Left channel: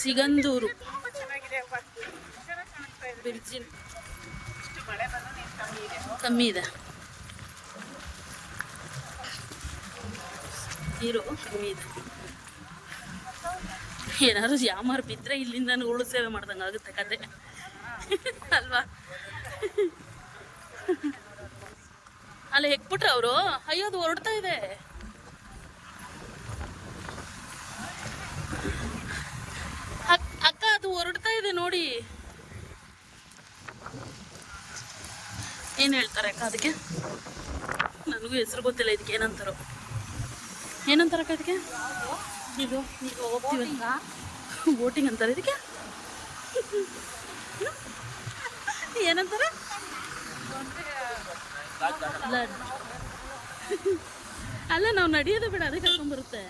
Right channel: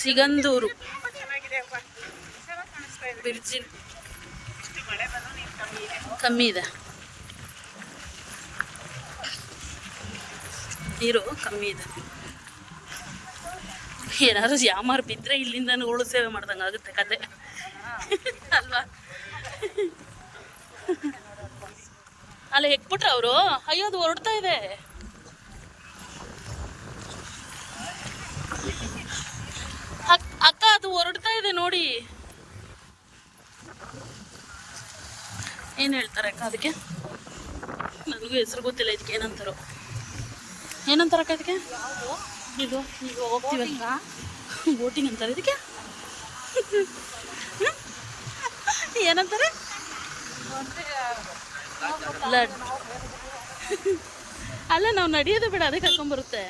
ಸಿಗಂದೂರು ಬಿರ್ಜಿನ್ ಕಮ್ಮಿ ಇದೆ, ನೀರು ಕಮ್ಮಿ ಇದೆ. ಏನಾದ್ರು ಯಾಮಾರು ಬಿದ್ದರೆ ಇಲ್ಲಿಂದ ಉಳು ಸೇವೆ ಮಾಡ್ದಂಗೆ ಆಗುತ್ತೆ ಕತೆ ಅಲ್ವಾ? ಅಲ್ಲ ಹೆಕ್ಬಿಟ್ರೆ ಅವರು, ಅಯ್ಯೋ ಅದು ಹೊರಡ್ತಾ ಇದೆ. ಅಕ್ಕ ಅದು ಹೊರಡ್ತಾ ಇದೆ ನೋಡಿ. ಏನು ಹೇಳ್ತಾರೆ ಅಕ್ಕ ಅದಕ್ಕೆ? ನನಗೂ ಹೆಸರು ಗೊತ್ತಿಲ್ಲ ಇದಕ್ಕೆ ಏನಂತಾರೋ. ಏನಂತಾರಕ್ಕ ಇದಕ್ಕೆ? ಈಗ ಹೋಗ್ತೀವಲ್ಲ ಬೋಟಿಂಗ್ ಅಂತಾರೆ ಇದಕ್ಕೆ. ಏನಂತಾರೆ? ಲಡ್. ಅಲ್ಲ ನಾವು ನಡೆಯೋದು ಬೇಡ, ಅದೇ ಕರ್ಕೊಂಡ್ಬರುತ್ತೆ.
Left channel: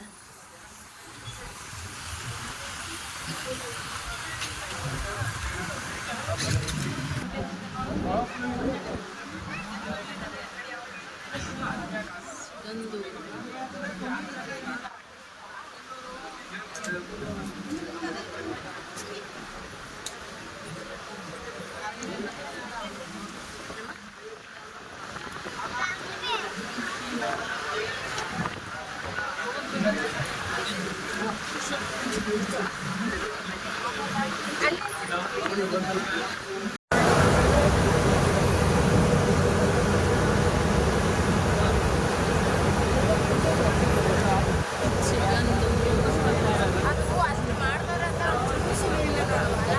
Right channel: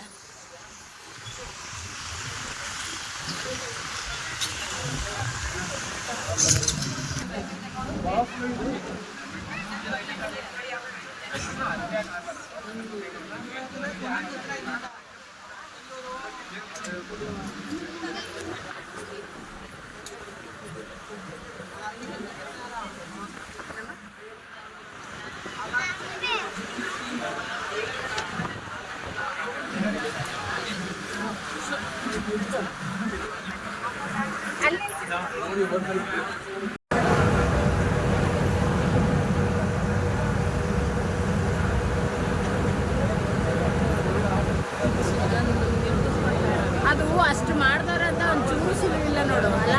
ಅದು ಅಷ್ಟು ಮಾಡ್ದಾರಂತ ಜ್ಯೂಸ್ ಇಲ್ಲ ನೋಡುವಲ್ಲ,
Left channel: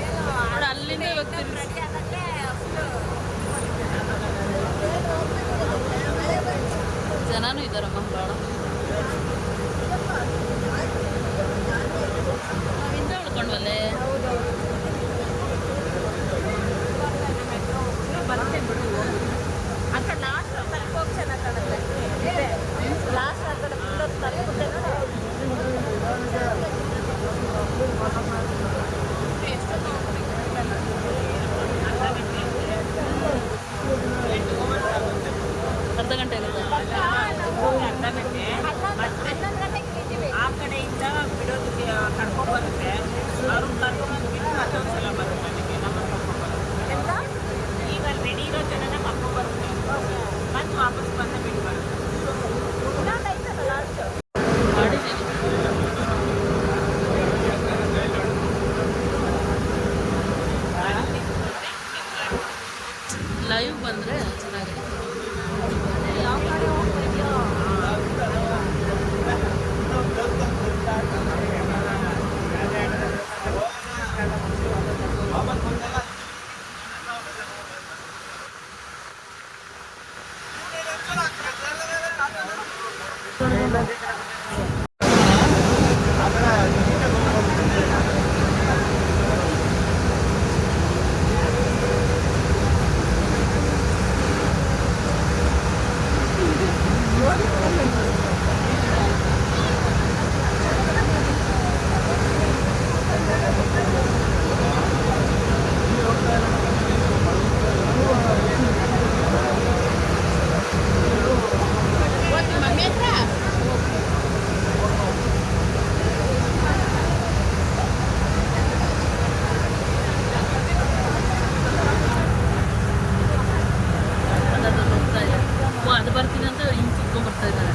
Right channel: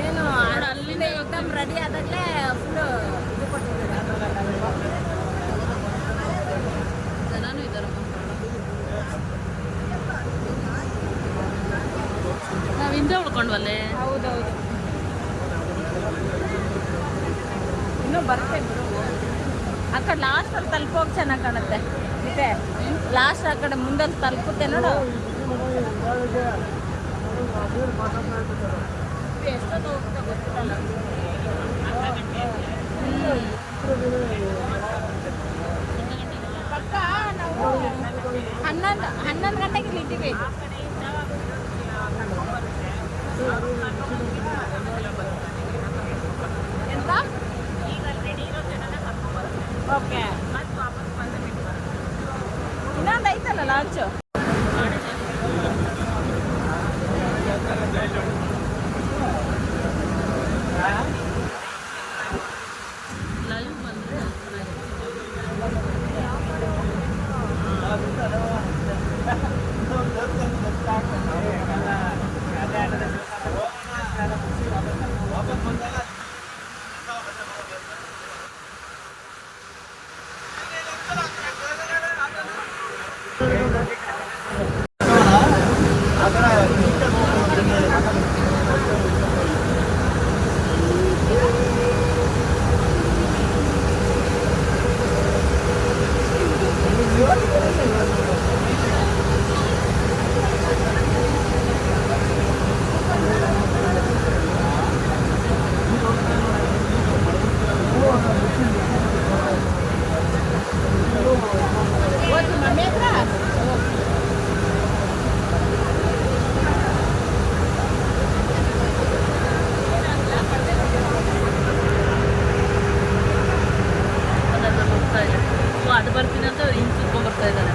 ಏನು ನೋಡು ಅಲ್ಲಿಂದ ರೆಡಿ ಆದಾಗಲೇ ಜನನೂ ಇದ್ದಾರಮ್ಮ ಭಾಳ. ನಾವು ಹಿಂದೆ ಉಳ್ಕೊಂಡ್ವಲ್ಲೇ. ಇನ್ನೂ ಬರುತ್ತೆ ಬಿಡು, ಹೋಗಿ ಆ ಕಡೆ ಲಾಸ್ಟ್ ಅಲ್ಲಿ ತಲುಪೋಗಿ ಚೆನ್ನಾಗಿ ಕಾಣುತ್ತೆ. ಲಾಸ್ಟ್ ಆ ಕಡೆ ಮುಂದಲ್ಲಿ ತಲುಪುತ್ತೆ ನೋಡು. ಅರ್ಧ ಗಂಟೆ ಆಗುತ್ತೆ. 11 ಗಂಟೆಗೆ ಬಿಟ್ಟಿವಿ. ಆ ಕಡೆಯಿಂದ ಬಿಡೋದು ಕರ್ಕೊಂಡು ಬರುತ್ತೆ. ಎಂತ ಈಗ ರೆಡಿ ಇರೋ ಜನನ ಕರ್ಕೊಂಡು ಬರುತ್ತೆ. ಮತ್ತೆ ವಾಪಸ್ ಬಂದು ಬಿಟ್ಟು ಇನ್ನೊಂದು ಐತಲ್ಲ ಲಾಂಚು. ಲೈವ್ ಬಂದರೆ ಚೆನ್ನಾಗಿರುತ್ತೆ. ಅದು ಬರ್ತೀನಿ ಅಂತ ಹಿಂಗೆ ಕುತ್ಕೊಂಡ್ ಬರ್ತಾ ಇದ್ದಾರೆ.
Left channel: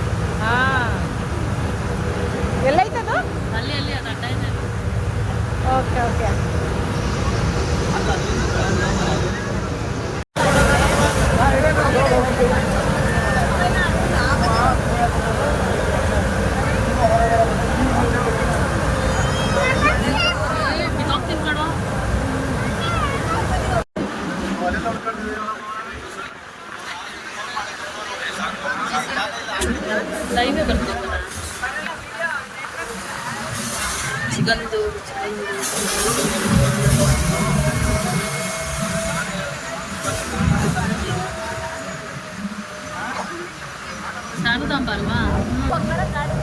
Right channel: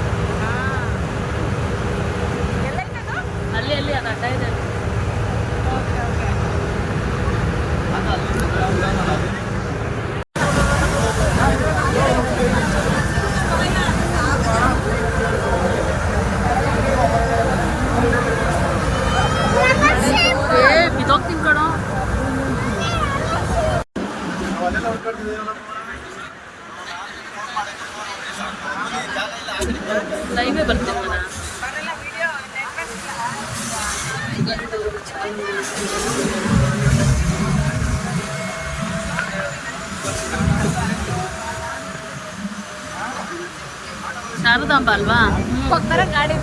ಎಲ್ಲೈತದು? ಅಲ್ಲಿ ಅದು ಅಡ್ಡ ಇದೆ. Okay okay. ಬಿದ್ದೋಗ್ತೀನಿ ಕಣೋ. ಲೈವೇ ಬರ್ತಿಲ್ವನ? ಸಿಗಂದೂರು ಶಾರದಾಂಬ ಅಲ್ವಾ? ಗಾಡಿ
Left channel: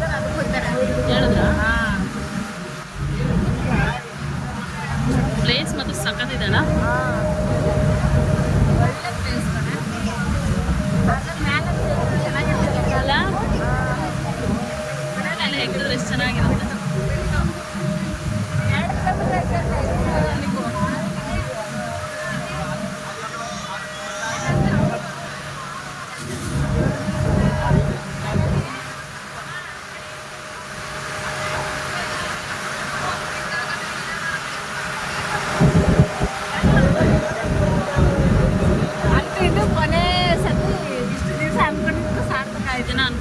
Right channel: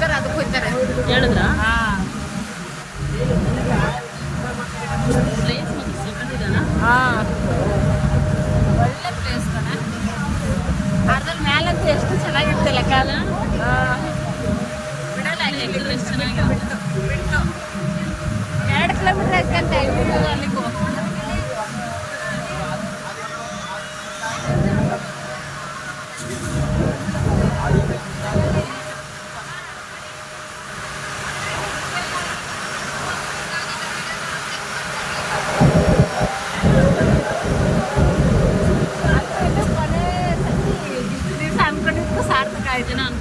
ಹೇಳಿದ್ರಾ? ಪ್ಲೇಸ್ ಮತ್ತು ಸಕ್ಕತ್ತಿದೆಲ್ಲ. ಅದ್ರ ಮೇಲಂತೂ ಎಷ್ಟು ಚೆನ್ನಾಗಿರ್ತಲ್ಲ ಕಾಲ. ಹೆಂಗಿದ್ರೆ ಎಷ್ಟು ಚೆನ್ನಾಗಿರುತ್ತೆ.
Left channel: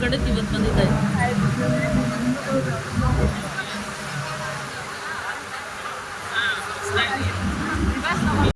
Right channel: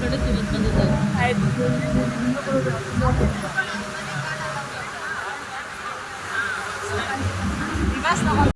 ಕಡೆ ಇವತ್ತು ಬಂದಿದ್ದಾರೆ.